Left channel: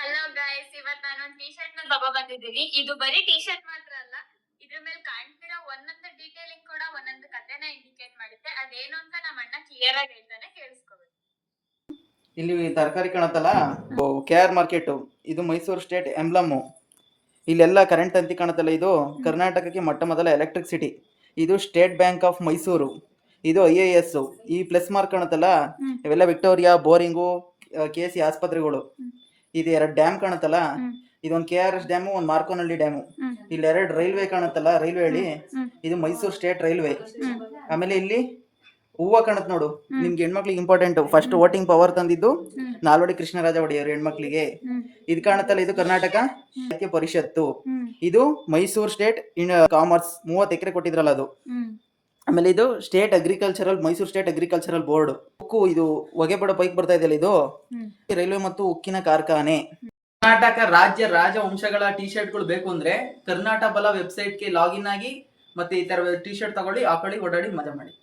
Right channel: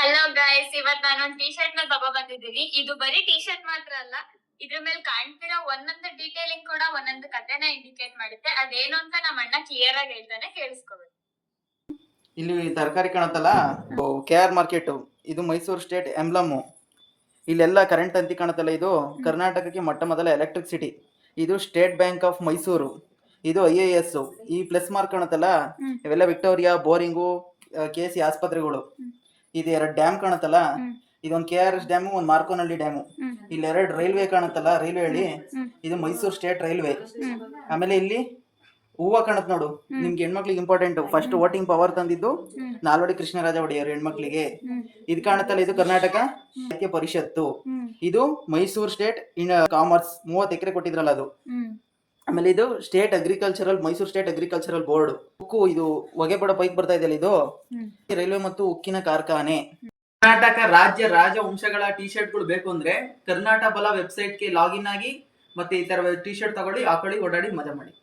Hello guys, ಇವತ್ ನಾನೊಂದ್ T shirt ನ ತಗೋ ಬಂದಿದ್ದೀನಿ. ಇದು ಬರೀ ಟಿ ಶರ್ಟ್ ಮಾತ್ರ ಅಲ್ಲ, ಇದ್ರ ಮೇಲೆ ಕಾಣ್ತಿರೋ ಒಂದೊಂದು ಡೀಟೇಲಿಂಗ್ ಕೂಡ ಒಂದೊಂದು ಕಥೆನ ಇಂಡಿಕೇಟ್ ಮಾಡುತ್ತೆ. ಅದೇನು ಅಂತ ನಮ್ಮ ಅಣ್ಣ ಕ್ಲಿಯರ್ ಆಗಿ ಹೇಳ್ತಾನೆ, ಕೇಳಿಸ್ಕೋಬೇಕು. ಇಲ್ಲಿ ತರಕಾರಿ ಕಾಣುತ್ತಲ್ಲ, KR ಮಾರ್ಕೆಟ್. ಇದು ಮೈಸೂರು ಸ್ಟೇಟ್ ಎಂಬ್ಲಮ್. ಇಲ್ಲೆಲ್ಲ ಕರೆಂಟ್ ತಂತಿ ಕಾಣುತ್ತಲ್ಲ, ಇದು ಕರ್ನಾಟಕಕ್ಕೆ ಮೊಟ್ಟ ಮೊದಲ ಎಲೆಕ್ಟ್ರಿಸಿಟಿ. ಇದು ಸ್ಟೇಟ್ ಬ್ಯಾಂಕ್ ಆಫ್ ಮೈಸೂರು. ಇದು IAS. ಈ ಪ್ಲಸ್ ಮಾರ್ಕ್ ಕಾಣುತ್ತಲ್ಲ, ಇವೆಲ್ಲ ವಿಕ್ಟೋರಿಯಾ, ಬೋರಿಂಗು, KC ಆಸ್ಪತ್ರೆಗಳು. ಇದು 2 ಡ್ಯಾಮ್ ಕಾಣುತ್ತಲ್ಲ, ಇದೊಂದು KRS ಡ್ಯಾಮು, ಒಂದು ಮಾರ್ಕೋನಹಳ್ಳಿ ಡ್ಯಾಮು. ಇಲ್ಲಿ 2 ರೈಲ್ವೆ ಕಾಣುತ್ತಲ್ಲ, ರೈಲ್ವೆ ಹಳ್ಳಿ. ಇದು ಮೈಸೂರು ಸ್ಟೇಟ್ ರೈಲ್ವೆ. ಆಮೇಲೆ ಇಲ್ಲಿ ಹೂವ ಕಾಣುತ್ತೆ ನೋಡು, ನಿಮ್ಗೆ ಹೆಣ್ಮಕ್ಳಿಗೆ ಇಂಪಾರ್ಟೆಂಟ್. ಫಸ್ಟ್ ವೋಟಿಂಗ್ ಪವರ್ ತಂದಿದ್ದು ನಾಲ್ವಡಿ ಕೃಷ್ಣರಾಜ ಒಡೆಯರು ಹೆಣ್ಮಕ್ಳಿಗೆ. ಇದು ಕಾಣುತ್ತಲ್ಲ, ಇದು ಕರ್ನಾಟಕ ಸಾಹಿತ್ಯ ಪರಿಷತ್ತು. ಇದು ಮೈಸೂರು ಸ್ಟೇಟ್ ಕಾಮರ್ಸ್ 30 ಎಕರೆ ಕೊಟ್ಟಿದ್ರಲ್ಲ ಅದು. ಆಮೇಲೆ ಇದು state agricultural, Mysuru state agricultural board. ಉಕ್ಕು, ಇದು ಹೊಗೆ ಬಡ ಪೈಕ್ ಬರ್ತಾ ಇದೆಯಲ್ಲ, ಇದು ರೈಲ್ವೆ ಮತ್ತು ಉಕ್ಕಿನ ಕಾರ್ಖಾನೆ. ಕರ್ನಾಟಕ ರಾಜ್ಯ ರಾಜವಂಶಗಳ ಟಿ ಶರ್ಟ್ಗಳು ಬೇಕು ಅಂದ್ರೆ ಕರ್ನಾಟಕ ಬಲ ವೆಬ್ಸೈಟ್ಗೆ ಲಾಗಿನ್ ಆಗಿ ಮತ್ತೆ ಈ ತರ ಟಿ ಶರ್ಟ್ ತಗೊಳ್ಳಿ, ಹಾಕೊಳ್ಳಿ, ಓಡಾಡಿ, ಮಜಾ ಮಾಡಿ.